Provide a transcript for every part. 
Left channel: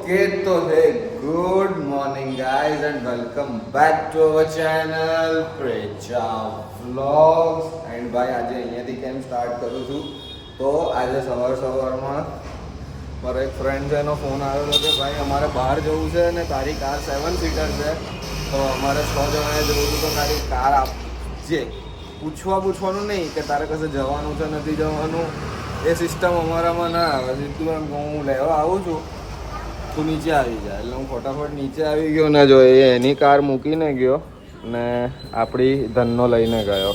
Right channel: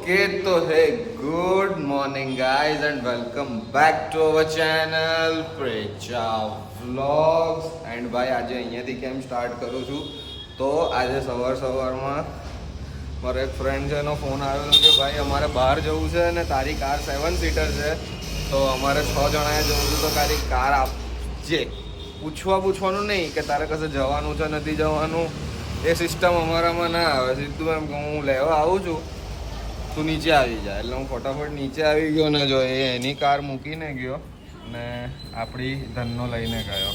Okay तो है good morning guys and welcome back to our channel પ્રેચા vlogs and ભાઈ આજે અહીંયાથી કેમ સ્ટાર્ટ કરું છું તો આજે સવારમાં મારો એક ફ્રેન્ડ છે એનો ફોન આવ્યો હતો કે ભાઈ અમારે બહાર જવું છે ને તારી કાર 7 સીટર છે તો અમારે 6 જણાએ જવું છે તો તારી કાર આપજે પૂછવાનું નહીં કે તારે કશે જવાનું છે નથી જવાનું એ સિસ્ટમ અમારામાં ના આવે સીધું એમ કે હું લેવા આવું છું તું નીચે આવી જાય એટલે હું ફટાફટ નીચે આવી ગયો ને જો એ એની કાર મૂકીને ગયો ને આપણી ધનનો લઈને ગયો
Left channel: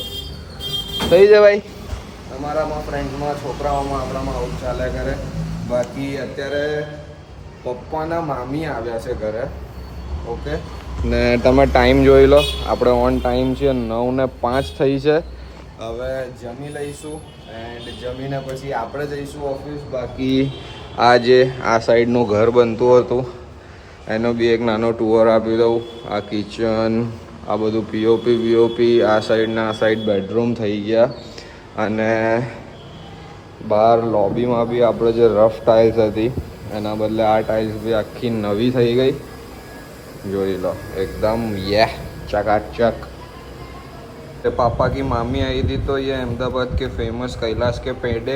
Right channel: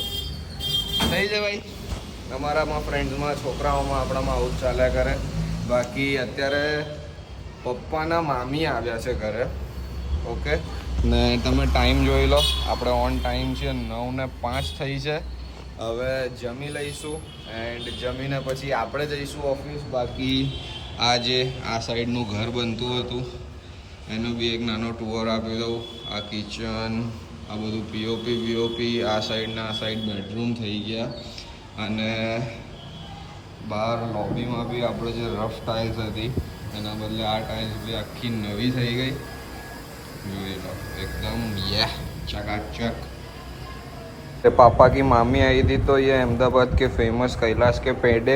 થઈ જાય ભાઈ તમારામાં ફ્રેન્ડ્સમાં છોકરાઓમાં આપણામાં આવું ચાલ્યા કરે બાકી અત્યારે પપ્પાના મામી આવ્યા છે ઘરે ઓકે ને તમે ટાઈમ જોઈ લો આપણે ઓન ટાઈમ છે 9:05 થઈ છે હવે જમી લઈશું એન્ડ જમીને પછી આપણે જઈશું ઓફિસ બાકી આ જે આ સાઈડનું ઘર બનતું હતું એનો બી એક નાનો ટૂર આપી દઉં આ કિચન આ બધું પીઓપી આ સાઈડના આ સાઈડ બેડરૂમ થઈ ગયા અને બહાર લોબીમાં બી આપણે જે રફ ટાઇલ્સ હતી એના બદલે આ ટાઇલ્સ બી આખી નવી થઈ ગઈ જોઈ લો एकदम ये चकाचक पापा की मामी आई थी तो ये अहमदाबाद के फेमस कैलाश के पेड़े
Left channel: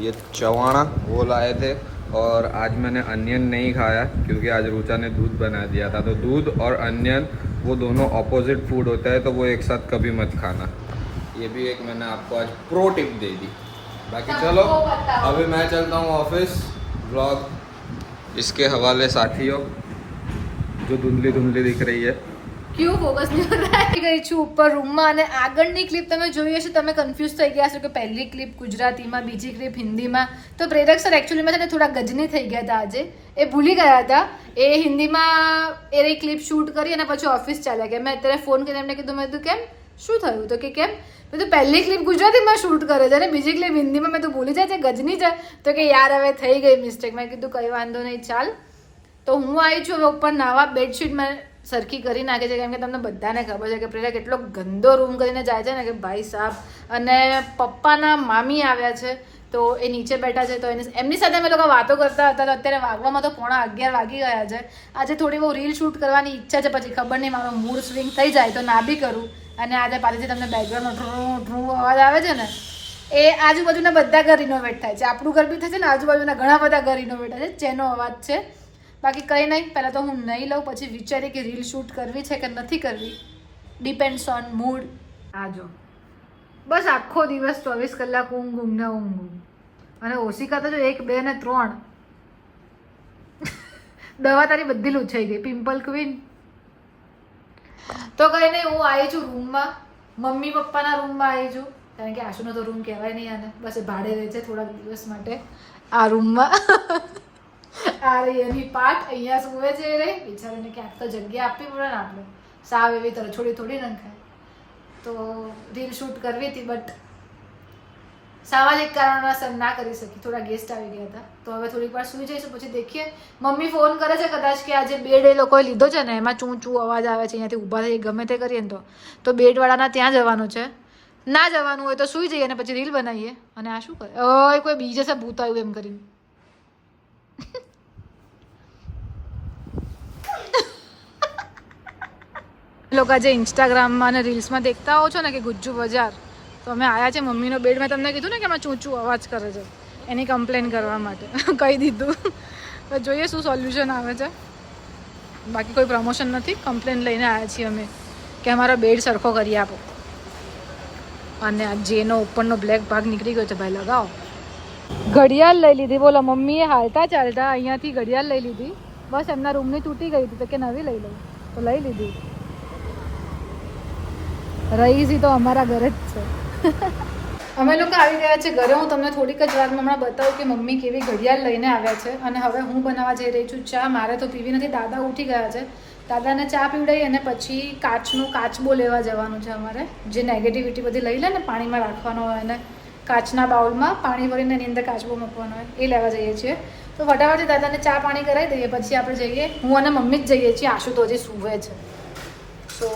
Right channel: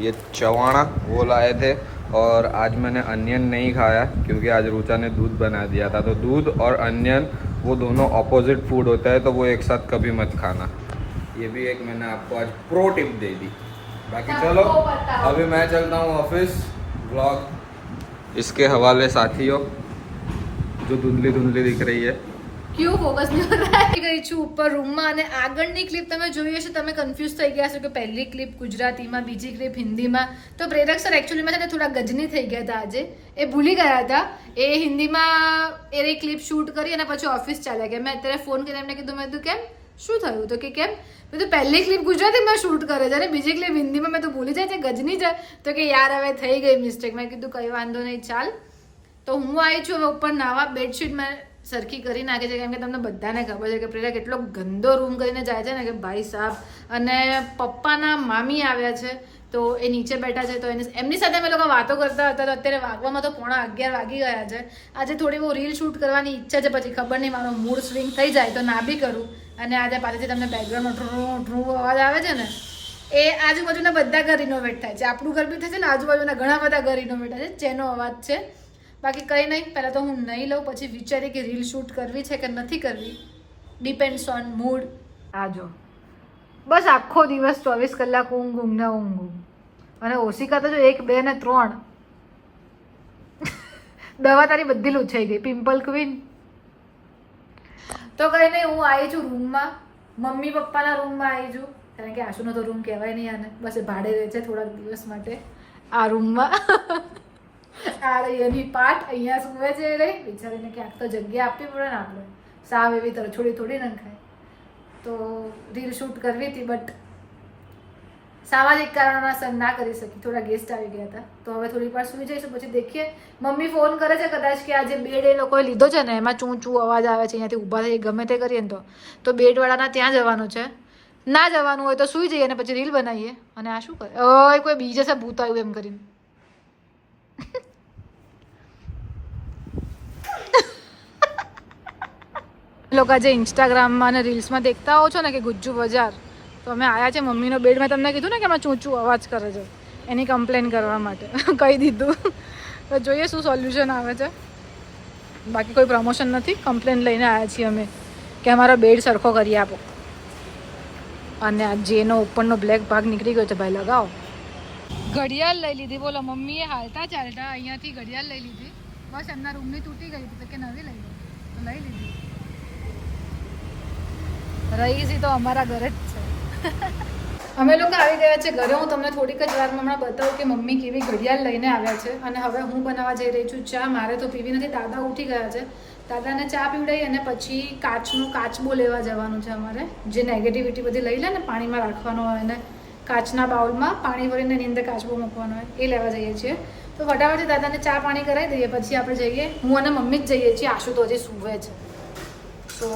ये चवाणा वो लाए थे और आज मैंने अनियन नहीं खाया क्योंकि आज रुचा ने दूध बना दिया था तो दूध और अनियन वो दोनों ऑपोजिट फूड होता है तो वो एक साथ कभी मत खाना ये भी एक मैंने आपको आज प्रो टिप दे दी बाकी चलो अभी मैं चलता हूँ ऑफिस व्लॉग इसके हवाले साथियों जो धुंधली दिख रही है क्यों फोकस नहीं हो रहा है गई છું ઉપર રૂમમાં અને આગળની ક્લિપ તમે જોઈ હશે તમે કન્ફ્યુઝ થઈ ગયા છો કે પહેલી ક્લિપ ગુજરાતીમાં બીજી ક્લિપ હિન્દીમાં તો પ્રેરક સર એકચ્યુઅલીમાં છે ને થોડા ગજની થઈ ગયા હતા આજે એ ભૂલી ગયા હતા એ હિન્દીમાં એ ક્લિપ શૂટ કરી અને પછી ઓફિસ ચાલ્યા ગયા મેં અત્યારે ફોન કરીને એમને કીધું મેં કેમ શું થયું તો કે કેમ મેં તો પહેલી ક્લિપ ગુજરાતીમાં શૂટ કરે છે અને બીજી ક્લિપ હિન્દીમાં મેં તો ભૂલી જાય છે ગજની છે તો કે યાર હવે થઈ ગઈ મિસ્ટેક મેં કીધું કંઈ વાંધો નહીં ચાલ તો હું આવી છું હવે ઉપર નાવા બેડશીટ મેં સરખી કરી નાખે છે કેમ કે તમને બધાને ખબર છે કે પ્રેરક કેટલો ગંદો રૂમ કરીને જાય છે ને કે ભાઈ સાહેબ અને પપ્પાના મામી આવ્યા છે તો એ નીચે બેઠા છે તો એમની સાથે અમે લોકો વાતો કરતા હતા તો અત્યારે વાગવામાં તો 11:15 વાગી ગયા છે આજે થોડી બહુ રીલ શૂટ કરવાની ઈચ્છા છે પછી ખબર નહીં મારો મૂડ સ્વિંગ થઈ જાય તો ના બી કરું અને આજે પાછળથી તમને બેકગ્રાઉન્ડમાં ડ્રૂ અવાજ આવે છે ને એ આજુબાજુના બધા ઘર રિનોવેટ થાય છે આપણું ઘર બી થાય છે ને આજુબાજુના ઘણા બધા ઘર રિનોવેટ થાય છે જેનો અવાજ છે બાકી કંઈ નહીં પહેલાં તો હું નહીં લઉં પછી વિચારી કે રીલ શૂટ કરવી છે કે નથી કરવી ડિપેન્ડ્સ ઓન મૂડ આજો બસ આખો દિવસ 24 કલાક ઊંઘ ને ઊંઘ અને ઓશિકા તો જો 1 2 ને 3 દવા તારી બધી લૂછાઈ ગઈ પિમ્પલ ક્વીન તો કંઈ નહીં હું આવી છું રૂમમાં મમ્મી પપ્પાના રૂમમાં આવી છું કારણ કે આશુનો તો રૂમ કહેવાય નહીં આને બસ એ ભાડે રહે છે થોડાક દિવસ માટે આ રૂમમાં આ રહી એની પાટ અહીંયા સુવે છે રે બિચારીને ક્યાંક તો જગ્યા આપવી પડે ને આપણે સાવ એવી તરફ થોડી નંખાય તો રીલ શૂટ કરવી હતી બટ સામાજિક કારણોસર ના કરી શકી થોડા ગેસ્ટ આવી ગયા હતા તો હવે થોડીક વાર સુઈ જઈશું પછી દેખીએ મમ્મી ફોન કરે છે કદાચ કે આજે બેડ એ લોકોએ લીધો છે ને એમાં ચૂં અવાજ આવે છે અહીંયાથી ઊભા થઈ ગમે તે કરીએ ને તો બેડવાળાના ત્યાં જવાનું છે ના જવાનું હોય તો સુઈ જઈએ અને પછી રીલ બનાવીએ અને આ શું કરે ઓય કોઈ બીજે સે ભૂત આવ્યું એમ કરીને લોકો જે ઇન્સ્ટાગ્રામમાં અને રીલ્સમાં દેખતા હો છો ને કે ગુજ્જુ બજાર તો અમે આવ્યા છે મમ્મીનો બેડ મેં તમને કીધું ને કે એમાં ચૂંચું અવાજ કરે છે એની કમ્પ્લેન કરવા માટે કહી દીધું તો જોઈએ શું સોલ્યુશન આવે છે બાકી કોઈ પ્રમોશન નથી કમ્પ્લેન લઈને આવ્યા છીએ અમે કે અમારો બેડ સરખો કરી આપો અને આ જેનો ઉપરનો બ્લેક ભાગ નીકળી ગયો છે ભાઈ લગાવો ઘડિયાળ લઈ લીધી બોલો મમ્મીએ હાલતા ચાલતા અહીંયાથી ઘડિયાળ લઈ લીધી બસ એમના રૂમની તૂટી ગઈ હતી તો કે નવી લઈ લઉં તો લઈ લીધી રહીશી તો અમારા ઘરે જ છે અમે લોકો આવી ગયા છે ઘરે હું તમને થોડીક જ વારમાં હમણાં બતાવું કે મમ્મી કેવી ઘડિયાળ લઈને આવ્યા છે અને હવે હું બનાવવા જઈ રહી છું ચા મારે તો પીવી નથી દાદા ઉઠી ગયા છે દાદાને ચા પીવડાવી અને પછી કાચબો લેવા જવાનું છે અમારે જે નેગેટિવિટી બધી લઈ લે ને પાણીમાં રાખવાનો હોય અને કાચના બાઉલમાં પાણી ભરીને એની અંદર કાચબો મૂકવાનો હોય એ લેવા જઈએ છીએ તો ફટાફટ દાદાને ચા પાણી કરાવી દઈએ પછી આપણે જઈએ હું અને મમ્મી જ જઈએ છીએ આશુ તો હજી સૂવે છે સો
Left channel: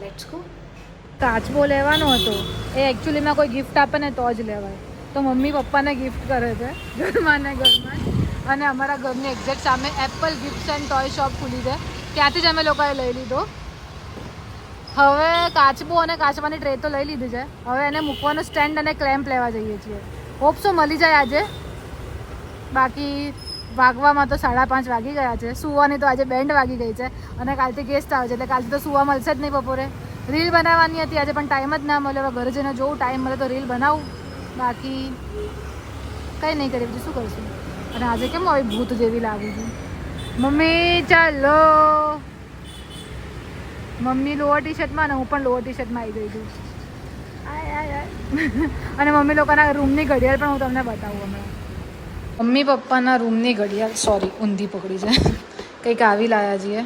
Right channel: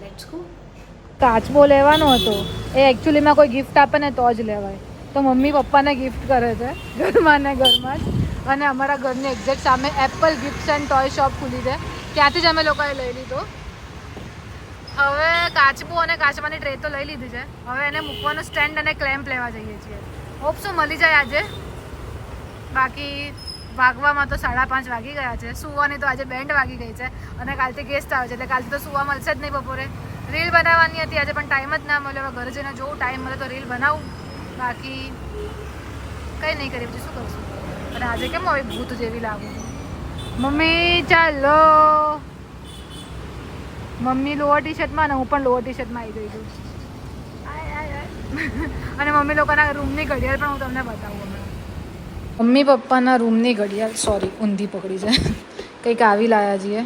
લેટ્સ ગો કાચબો લેવાનો હતો એ એકચ્યુઅલીમાં કોઈ ગિફ્ટ આપે ને તો જ લેવાય તો મમ્મી પપ્પાને ગિફ્ટ કરે છે ઘરમાં ને ઘરમાં અને અમારા ઘરની એક્ઝેક્ટ સામે Apple gifts and toy shop ખુલી છે, ત્યાંથી જ અમે લોકોએ લઈ લીધો. હવે કાચબું અને કાચબાની ટ્રે તો લઈ લીધી છે, હવે એને મૂકવાનું સ્ટેન્ડ અને ક્લેમ્પ લેવા જઈએ છીએ. હોપ શું મળી જાય આજે. બાકી વાગવામાં તો 5:30 વાગી ગયા છે. સુવાની તો આજે બેન્ડ વાગી ગઈ છે અને કાલથી ગેસ્ટ આવે છે એટલે કાલથી તો સુવા મળશે જ નહીં બપોરે. રીલ બનાવવાની હતી આજે પણ ટાઈમ જ ના મળ્યો. ઘરે જઈને જોઉં ટાઈમ મળે તો રીલ બનાવું, બાકી કંઈ નહીં કરી બીજું શું કરશું. અને આજે કેમ હવે ભૂત જેવી લાગુ છું. મમ્મી ચાલો. મમ્મી લોઅર ટી શર્ટમાં ને હું પણ લોઅર ટી શર્ટમાં આવી ગઈ છું. અને મમ્મી લોકોના રૂમની ઘડિયાળ પણ હું તમને બતાવું. અમે મમ્મી પપ્પાના રૂમની ઘડિયાળ, સોરી ઊંધી પકડી છે, કંઈક આવી લાયા છીએ.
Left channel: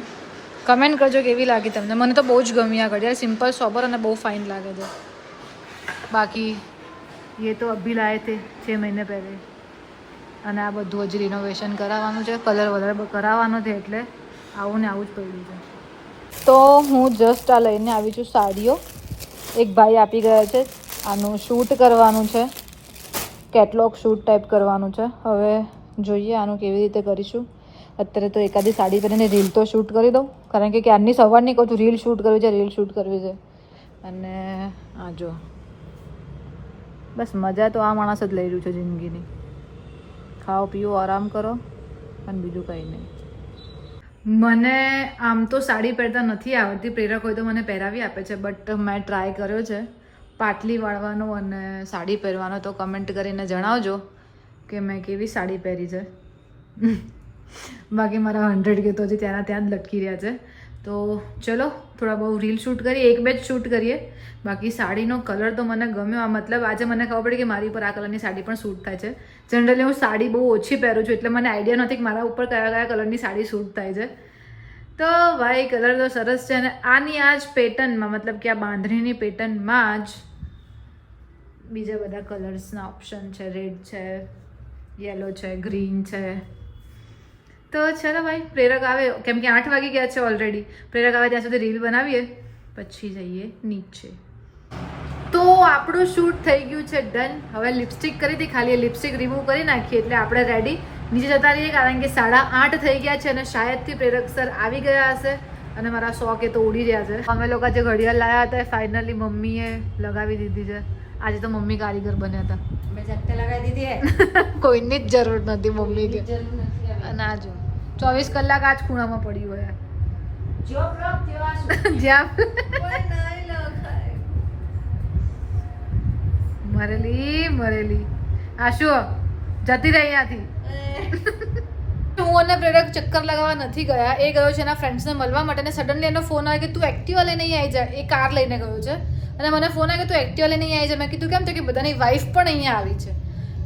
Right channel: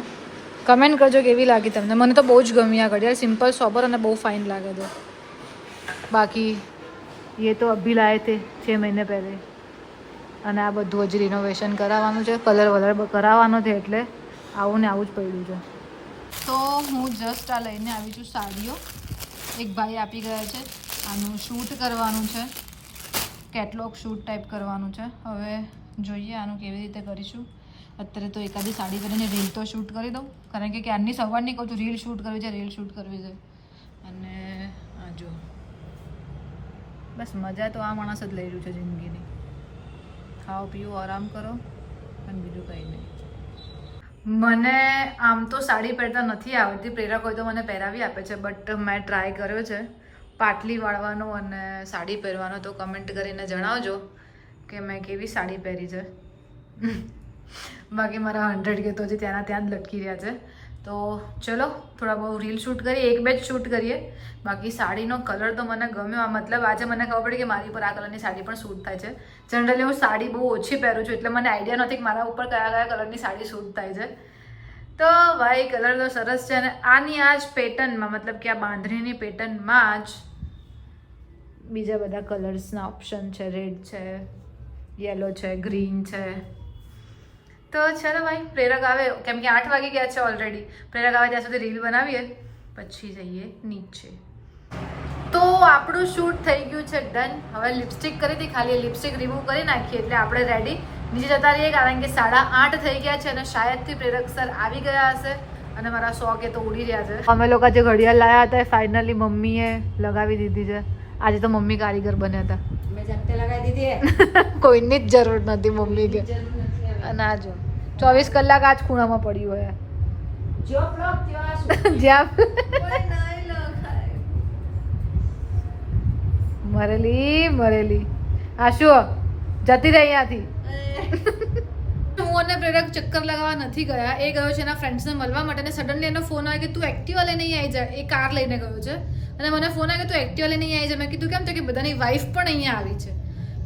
કમેન્ટ કરજો કેવી લાગી તમને. મને તો બહુ જ ગમી આ ઘડિયાળ, સિમ્પલ સોબર અને બહુ ફાઇન લાગે છે. બાકી ये तो अभी लाए थे 6 महीने पहले. અને આ બધું હજી રિનોવેશન કરાવવાનું છે, કલર વલર કરાવવાનો છે એટલે આવું ને આવું જ પડ્યું છે. તો હું જસ્ટ આ લઈને આવી છું સાડીઓ. એક ભાઈ આપી ગયા છે, આનું શૂટ કરવાનું છે, કેટલોગ શૂટ ટાઈપ કરવાનું છે. હવે જોઈએ આનું કેવી રીતે કરીશું. અત્યારે તો એકાદી સાડી પહેરીને રીલ તો શૂટ કરી દઉં, કારણ કે ક્યારની સવારની કહું છું રીલ શૂટ કરવી છે, રીલ શૂટ કરવી છે. અને આ જો બસ મજા તો આ માણસ જ લઈ રહ્યું છે જિંદગીની. ખાઓ પીઓ આરામ કરો અને બીજું કંઈ નહીં. મને આમ તો સાડી પહેરતા નથી આવડતી. પ્રેરક હોય તો મને પહેરાવી આપે છે, બટ મેં ટ્રાય કર્યો છે પાટલી વાળવાનો અને સાડી પહેરવાનો. તો કમેન્ટ કરીને જણાવજો કે મેં કેવી સાડી પહેરી છે. બાકી મારા 100 કે તો હજી ત્યાંના ત્યાં જ લટકી રહ્યા છે. તો ચલો થોડા બહુ રીલ શૂટ કરીએ, 1-2 જ શૂટ કરીએ. બાકી સાડીનો કલર તો મને ગમ્યો. મતલબ આજે મને ખબર પડી કે મારી ઉપર આ કલરની સાડી પણ શૂટ થાય છે. જનરલી હું સાડી બહુ ઓછી પહેરું છું એટલે મને આઈડિયા નથી કે મારા ઉપર કયા કયા કલરની સાડી શૂટ થાય છે. તો ભાઈ કલર તો સરસ છે. અને આની આ જ પેટર્નમાં, મતલબ કે આ બાંધણીની પેટર્નમાં જ બીજા બધા કલર્સના ઓપ્શન છે. રેડ છે, યેલો છે, ગ્રીન છે. તો ચલો ભાઈ પ્રેરક આવે, કેમ કે 8 વાગી ગયા છે ઓલરેડી. પ્રેરક આવે ત્યાં સુધી રીલ બનાવીએ, પછી જઈએ નીચે. તો આપણું શૂટ થઈ ગયું છે ડન. હવે લિપસ્ટિક કરી હતી, ખાલી લિપસ્ટિક રિમૂવ કરી નાખીએ એટલે આપણે રેડી. નીચે જતા રહીએ કારણ કે 8:30 થઈ ગયા છે અને શાયદથી પ્રેરક સર આવી ગયા હશે અને મારા 100 કે તો ઉડી રહ્યા છે. અમે લોકો જે ઘડિયાળ લાવ્યા હતા ફાઇનલી મમ્મીએ લગાવી દીધી છે. આજે તો મમ્મી કારીગર બન્યા હતા. મેં જાતે લગાવી દીધી. કોઈની જ જરૂર નથી મમ્મી કે. અને આ જો 24 કલાક આ જ ખૂણામાં પડ્યું હોય જ્યાં મરેલી આ શું જતી રહી અહીંયાથી. હું અને પ્રેરક ચક્કર લગાવવા નથી ગયા. એ ગયો છે એના ફ્રેન્ડ્સને મળવા માટે અને સડનલી એનો ફોન આવ્યો કે તું એક્ટિવા લઈને અહીં આવી જા. એ કાર લઈને ગયો છે અને મને ફોન આવ્યો કે તું એક્ટિવા લઈને અહીં આવી જા. મેં કીધું કેમ? તો કે બધાની વાઈફ પણ અહીંયા આવી છે.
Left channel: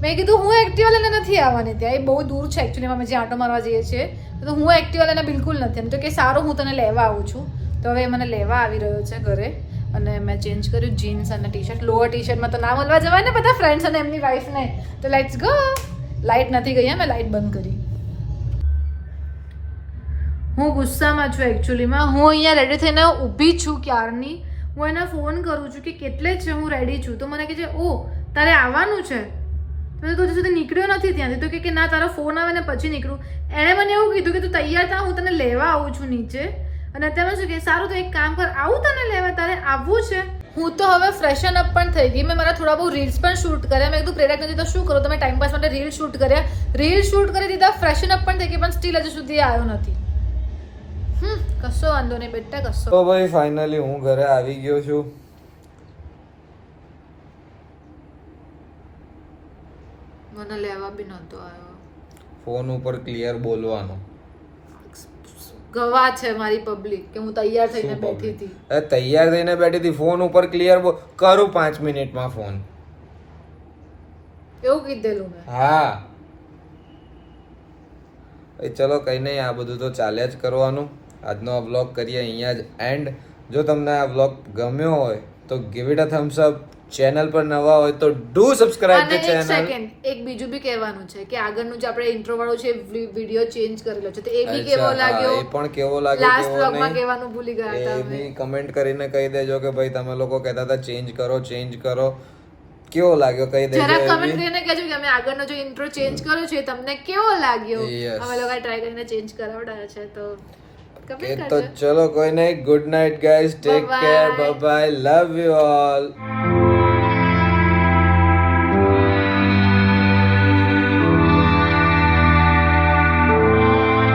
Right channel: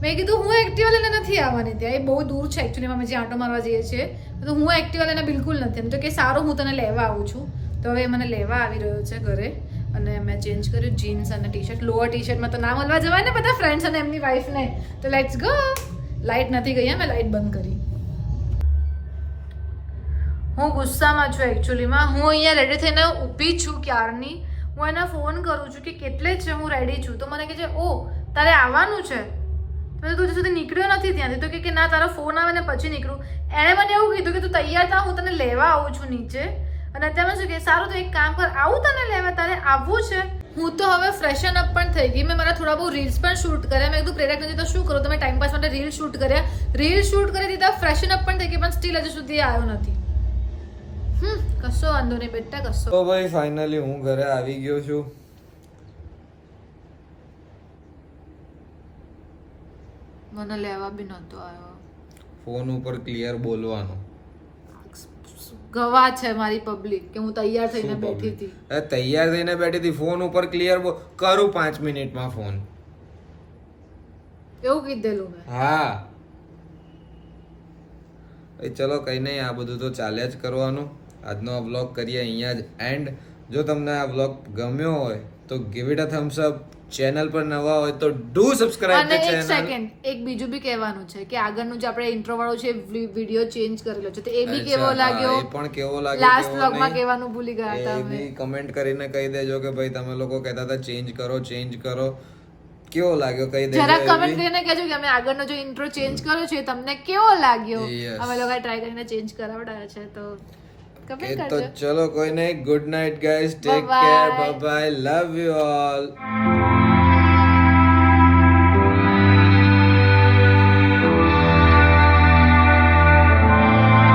મેં કીધું હું એક્ટિવા લઈને નથી આવવાની ત્યાં, એ બહુ દૂર છે એકચ્યુઅલી. અમે જ્યાં આંટો મારવા જઈએ છીએ તો હું એક્ટિવા લઈને બિલકુલ નથી. એમ તો કે સારું હું તને લેવા આવું છું. તો હવે મને લેવા આવી રહ્યો છે ઘરે અને મેં ચેન્જ કર્યું જીન્સ અને ટી-શર્ટ. લોઅર ટી-શર્ટમાં તો ના મળવા જવાય ને બધા ફ્રેન્ડ્સ અને એમની વાઈફને. તો લેટ્સ ગો. લાઇટ નથી ગઈ, મેં લાઇટ બંધ કરી. હું ગુસ્સામાં છું એકચ્યુઅલીમાં. હું અહીંયા રેડી થઈને ઊભી છું ક્યારની. હું એને ફોન કરું છું કે કેટલે છે, હું રેડી છું. તો મને કહે છે ઓ તારે આવવાનું છે. મેં તો હજુ સુધી નીકળ્યો નથી ત્યાંથી. તો કે ના તારો ફોન આવે ને પછી નીકળું. એણે મને એવું કીધું કે તું તૈયાર થા, હું તને લેવા આવું છું નીચે. અને અત્યારે શું કે સારું તો એક કામ કર, આવું તને લેવા, તારે આવવું છે. હું તો હવે ફ્રેશન અપ પણ થઈ ગઈ. મેં મારા થોડા બહુ રીલ્સ પણ શૂટ કર્યા. મેં કીધું પ્રેરક નથી તો શું કરું, તમે ટાઈમ પાસ માટે રીલ શૂટ કર્યા. રીલ શૂટ કરી દીધા, ફ્રેશન અપ પણ થઈ ગઈ, પણ સ્ટીલ હજુ સુધી આવ્યો નથી. કશો વાંધો નહીં બેટા, કશો. તો ભાઈ ફાઇનલી હું ઘરે આવી ગયો છું. મને લેવા બી નહોતો આવ્યો. ફોન ઉપર ક્લિયર બોલવાનું. ગવા છે મારી પબ્લિક કે હું તૈયાર થઈને બેઠી હતી. તૈયાર થઈને બેઠી હતી, ફોન ઉપર ક્લિયર કરું 5 મિનિટમાં ફોન. એવું કીધેલું મેં. હા ચલો કઈ નહીં, આ બધું તો ચાલ્યા જ કરવાનું. આજનો આ વ્લોગ કરીએ અહીંયા જ એન્ડ. જો તમને આ વ્લોગ ગમ્યો હોય તો give it a Thums up. Channel પર નવા હોય તો ડુ સબસ્ક્રાઇબ ધ ચેનલ. એક બીજું બી કહેવાનું છે કે આગળનું જે આપણે ઇન્ટ્રો વાળો છે વિડિયો ચેન્જ કરેલો છે તો એ બી કેવો લાગ્યો, એ પણ કેવો લાગ્યો, લાસ્ટ વ્લોગમાં કહેવાનું ભૂલી ગયા હતા. એ બી કમેન્ટ કરીને કહી દેજો કે ભાઈ તમે લોકો કહેતા હતા ચેન્જ કરો. કેવો લાગ્યો કહી દેજો જરા કમેન્ટ એવી. કરીને કહેજો કે અમે આગળનો જો ઇન્ટ્રો ચેન્જ કર્યો છે એ તમને કેવો લાગ્યો. Yes. અમે લોકો ટ્રાય કરીને ચેન્જ કરાવડાયો છે તો એ કમેન્ટ તો કરજો. ચલો કોઈ નહીં, good night guys, take Bye-bye. Care, bye bye, love you all.